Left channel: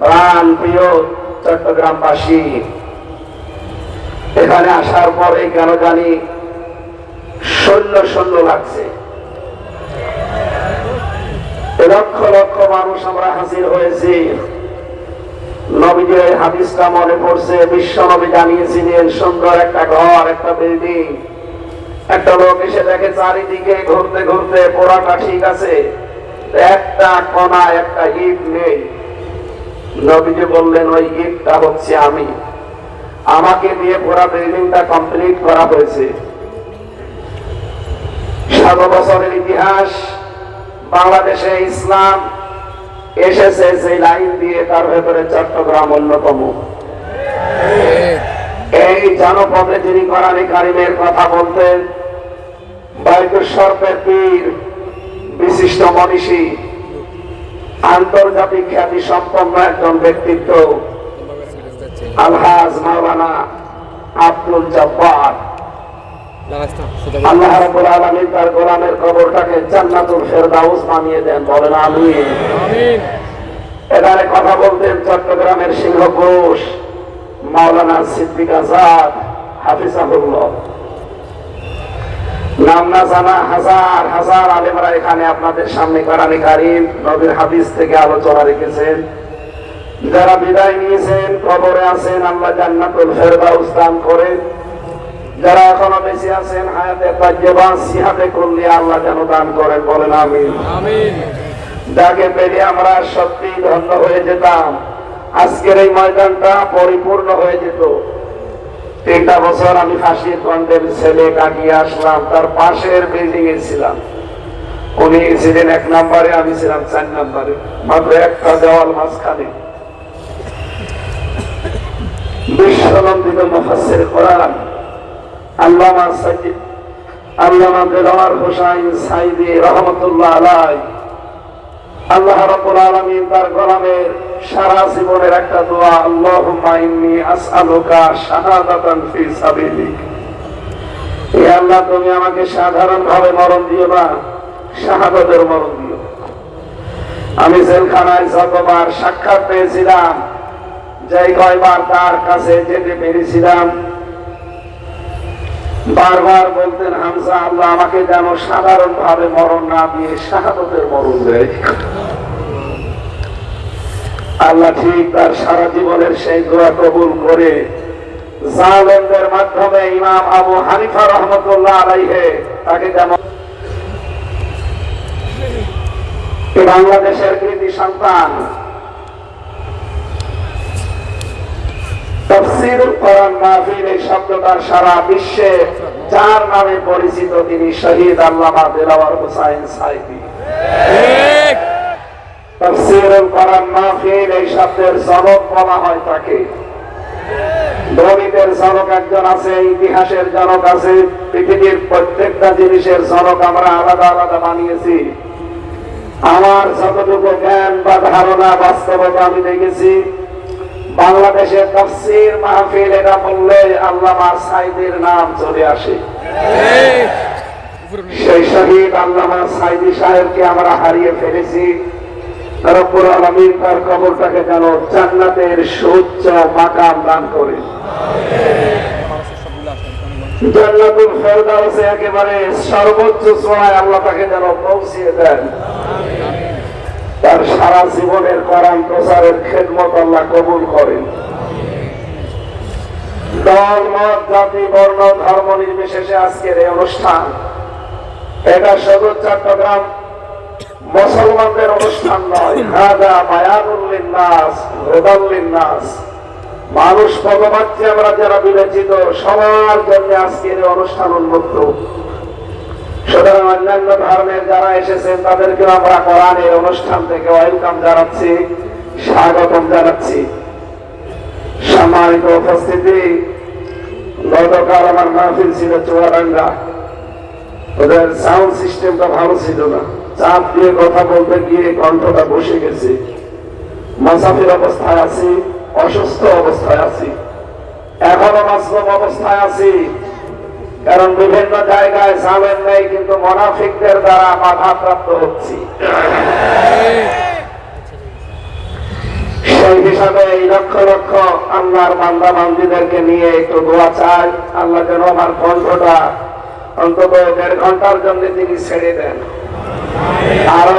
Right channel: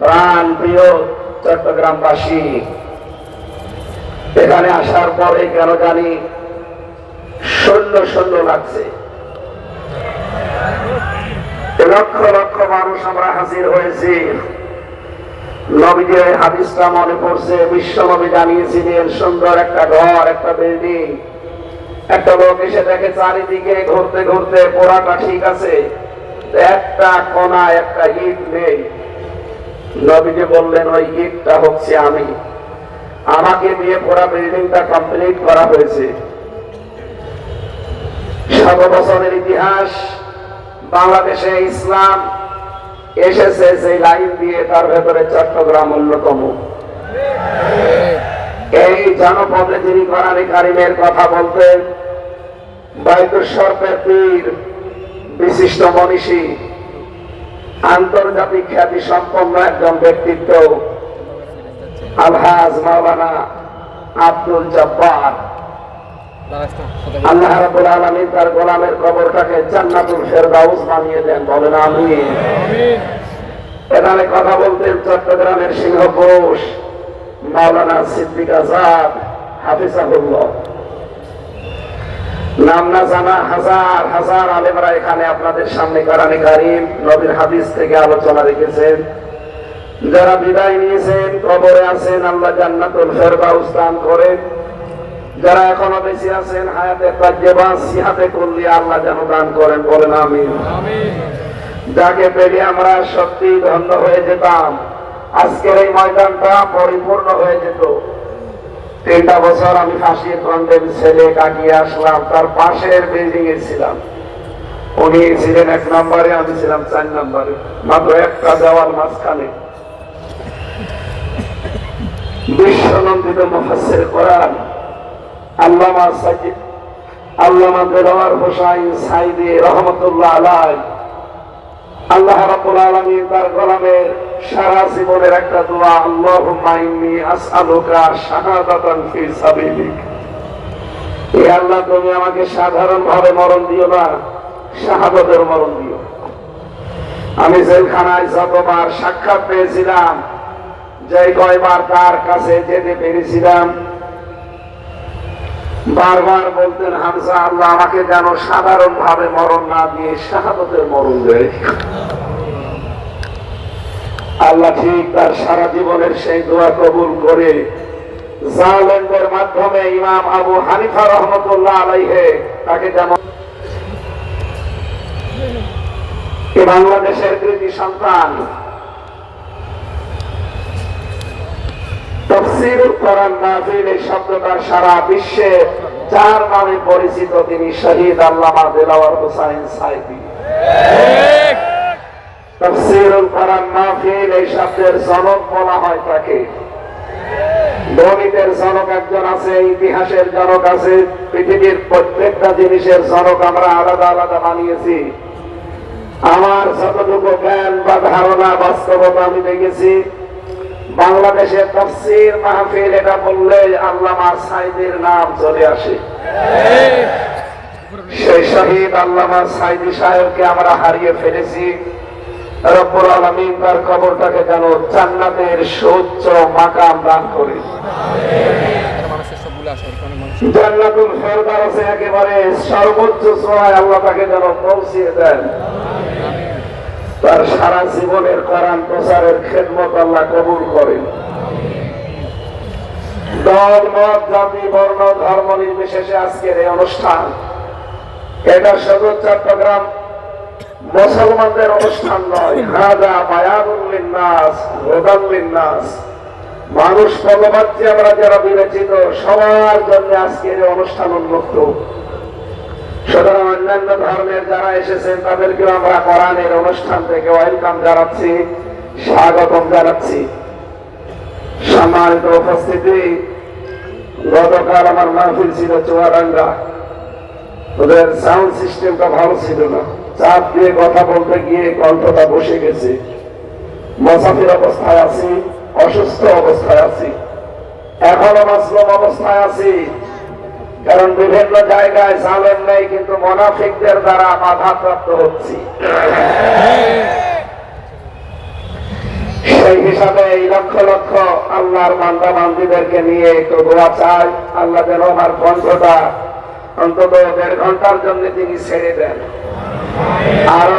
প্রাণ প্রিয় চট্টগ্রামবাসী, এখানে আসার পরে কেন জানি শূন্য শূন্য লাগছে। লক্ষ লক্ষ মানুষ আমরা হাজির হয়েছি। নবীজির হাদিসটা মনে পড়ছে, বিশ্ব নবী জানিয়েছিলেন সুন্দর একটা ঘর, একটা বিল্ডিং, একটা লোক এসে দেখে চারিদিকে ঘুরতে ঘুরতে পোড়াটা ঠিক আছে, একটা কোনা একটা ইট নেই। নবীজি বললেন ওই ইটটা হচ্ছে আমি, আমাকে দিয়ে পুরো বিল্ডিংটা কমপ্লিট করা হয়েছে। 7 বছরের ইতিহাস, বাংলাদেশে ইসলাম এসেছে যে লাইন দিয়ে, তার ভেতরে চট্টগ্রাম অন্যতম। এই জনপদে যিনি কোরআনে কারিমের কথা বলতেন, বাইতুল শরফের পীর, বিশিষ্ট মনীষী, আন্তর্জাতিক খ্যাতি সম্পন্ন একজন ব্যক্তিত্ব, আলহাজ মাওলানা আব্দুল জব্বার, আল্লাহ রাব্বুল আলামিন তার গোলামের কবরটাকে জান্নাতুল ফেরদাউস বানিয়ে দেন, বলেন আমিন। এখানে কথা বলতেন চট্টগ্রামের সিংহপুরুষ মাওলানা সিদ্দিক আজাদ হাফিজাহুল্লাহ। নাম না জানা হাজার হাজার আলেমরা এখানে আপনাদের সামনে কোরআনে কারীম, নবীর হাদিস থেকে আলোচনা রেখেছেন। যারা বিদায় নিয়েছেন, কবরে আছেন, আল্লাহ জান্নাতুল ফেরদাউস দান করেন। যারা এখনো বেঁচে আছেন, হায়াতে তাইয়্যিবা সিহাতে কুল্লিয়া আল্লাহ যেন দান করেন, বলেন আমিন। যাকে পেরে আমরা সত্যি ধন্য হয়ে যেতাম, আজকের এই ময়দানটা পরিপূর্ণ হয়ে যেত। 3টা বছর আমি ফাঁসি কন্ডেম ছেলে ডাকিয়ে আসলাম, তার পাশের বিল্ডিং এ ছিলাম। উনি ছিলেন 1 নম্বরে, আমি ছিলাম 4 নম্বরে, মাত্র একটা দেওয়াল মাঝখানে। বিশ্বনন্দিত মুফাসসির কোরআন আল্লামা দেলোয়ার হোসেন সাইদি রহমাতুল্লাহ আলাইহি, আল্লাহ রাব্বুল আলামিন তার গোলামের সারা জীবনের একটা দোয়া, আল্লাহুম্মা ইন্নী আসআলুকা শাহাদাতান ফি সাবিলিক। হে আল্লাহ, তুমি আমাকে সাধারণ ভাবে মরণ দিও না, শাহাদাতের মরণ দিও। আমি জেলখানায় যতবার সাক্ষাৎ পেয়েছিলাম, যে কয়বার তার কাছে যেতে পেরেছিলাম, বারবার বলতেন, হামজা, আল্লাহ আমাকে যেন সাধারণ ভাবে মরণ না দিয়ে শাহাদাতের মরণ দেয়। আল্লাহ ঠিক তার সারা জীবনের সেই দোয়া কবুল করে জালেমদের মাধ্যমে ইমাম আবু হানিফা রহমাতুল্লাহ আলাইহি তাকে যেমন বাংলাদেশের কৃতি সন্তান, তাফসীরুল কোরআন মাহফিল এই শব্দটার সারা বিশ্বে যার নামে পরিচিত, তিনি শহীদ আল্লামা দেলোয়ার হোসেন সাইদি। তাফসীরুল কোরআন মাহফিল এই শব্দের জনক বলা হয় তাকে। গণিতের জনক একজন আছে, ইতিহাসের জনক আছে, পৃথিবীর প্রত্যেকটা জিনিসের জনক আমরা আলাদা আলাদা বানিয়েছি। আমার যতটুকু জ্ঞান বা ধারণা, বাস্তবতা আমি দেখেছি, বাংলাদেশের তাফসীর মাহফিল এটা বললে আল্লামা সাইদির নাম চলে আসে। সেই শহীদ আল্লামা সাইদি সাহেবকে আমরা হারিয়ে ফেলেছি। রব্বুল আলামিন তার কবরটাকে যেন জান্নাতের সুউচ্চ মাকাম দান করেন। জান্নাতুল ফেরদাউসে একেবারে সর্বোচ্চ চূড়ায় আল্লাহ তাকে যেন পৌঁছিয়ে দেন। তার সারা জীবনের কোরআন প্রচারের খেদমত আল্লাহ কবুল করেন। দল, মত, জাতি, বর্ণ, ধর্ম নির্বিশেষে আজকের এই অনুষ্ঠান, এটা শুধু চট্টগ্রাম মুসলমানদের অনুষ্ঠান নয়, হাদা বায়ানুল লিন্নাস, হুদাল লিন্নাস, মানুষ পদবাচ্য আমরা যারা বিবেচিত সবার জন্য আজকের এই অনুষ্ঠান উন্মুক্ত। সুতরাং অন্যান্য ধর্মের যারা এসেছেন তাদেরকেও আমরা কোরআনের অনুষ্ঠান থেকে ওয়েলকাম জানাচ্ছি, স্বাগতম জানাচ্ছি। সম্মানিত উপস্থিতি, গতকাল আমার মাহফিল ছিল চুয়াডাঙ্গা। ওদের সাউন্ড সিস্টেমটা ভালো ছিল না, চাপ দিয়ে কথা বলতে গিয়ে কণ্ঠটা বসে গেছে। মুসাফির অবস্থায় আছি, অসুস্থ অবস্থায় আছি, এখনো মাসলুম অবস্থায় আছি। কারণ বিভিন্ন জায়গায় জালেম নেই, কিন্তু মুনাফিকদের দ্বারা বাধাপ্রাপ্ত হচ্ছি। সেই হিসাবে এই লক্ষ লক্ষ আল্লাহর বান্দা বান্দীদেরকে নিয়ে একটু দোয়া চাই, আল্লাহ যেন আমার কণ্ঠটা অন্তত 1.5 ঘন্টার জন্য তিনি ছেড়ে দেন। আরো